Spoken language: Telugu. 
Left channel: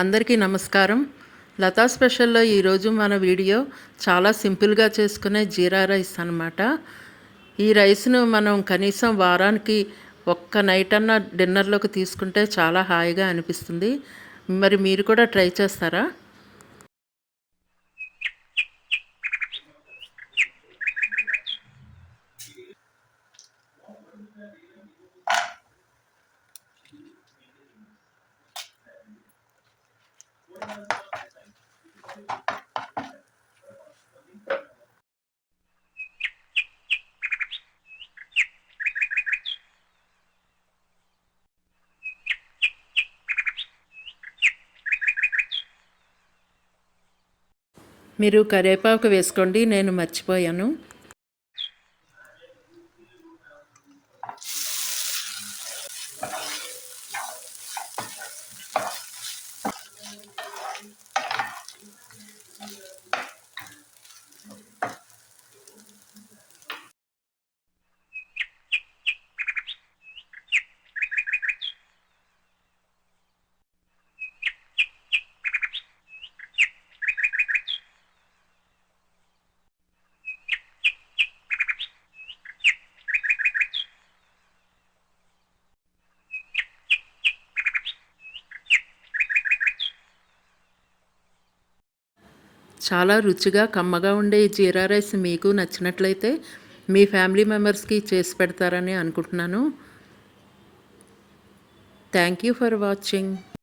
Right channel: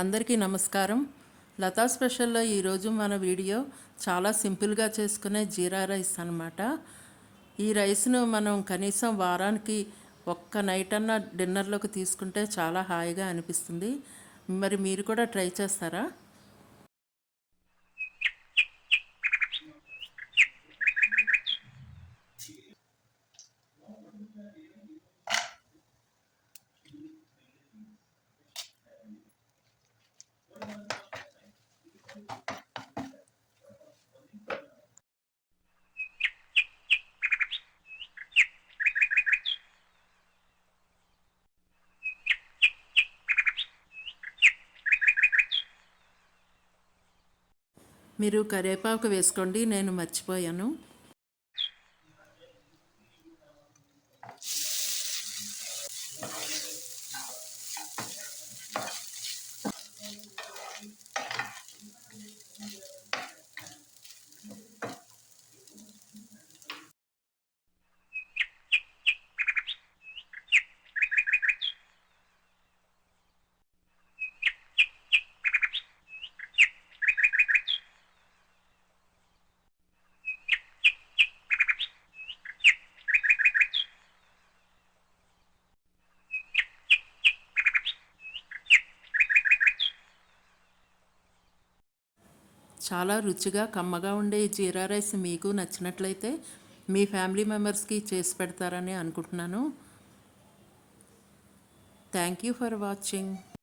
అందరికీ నమస్కారం. లతా స్పెషల్లో ఈరోజు మన వీడియో చాలా సింపుల్గా చేసుకునే జీరా రైస్ అనమాట ఈ రైస్ను మనం కనీసం వారానికి ఒక్క నైట్ అన్న డిన్నర్లోకి తీసుకుంటే చాలా హాయిగా అనిపిస్తుంది. మరి మీరు కూడా ట్రై చేస్తారా? మీరు కరివేపాకు వేసుకోండి నేను మర్చిపోయాను. చాలా రుచిగా కమ్మగా ఉండే ఈ జీరా రైస్ మీకు నచ్చినట్లయితే మీ ఫ్యామిలీ మెంబర్స్కి చేసి పెడతారని అనుకుంటున్నాను. Thank you for watching.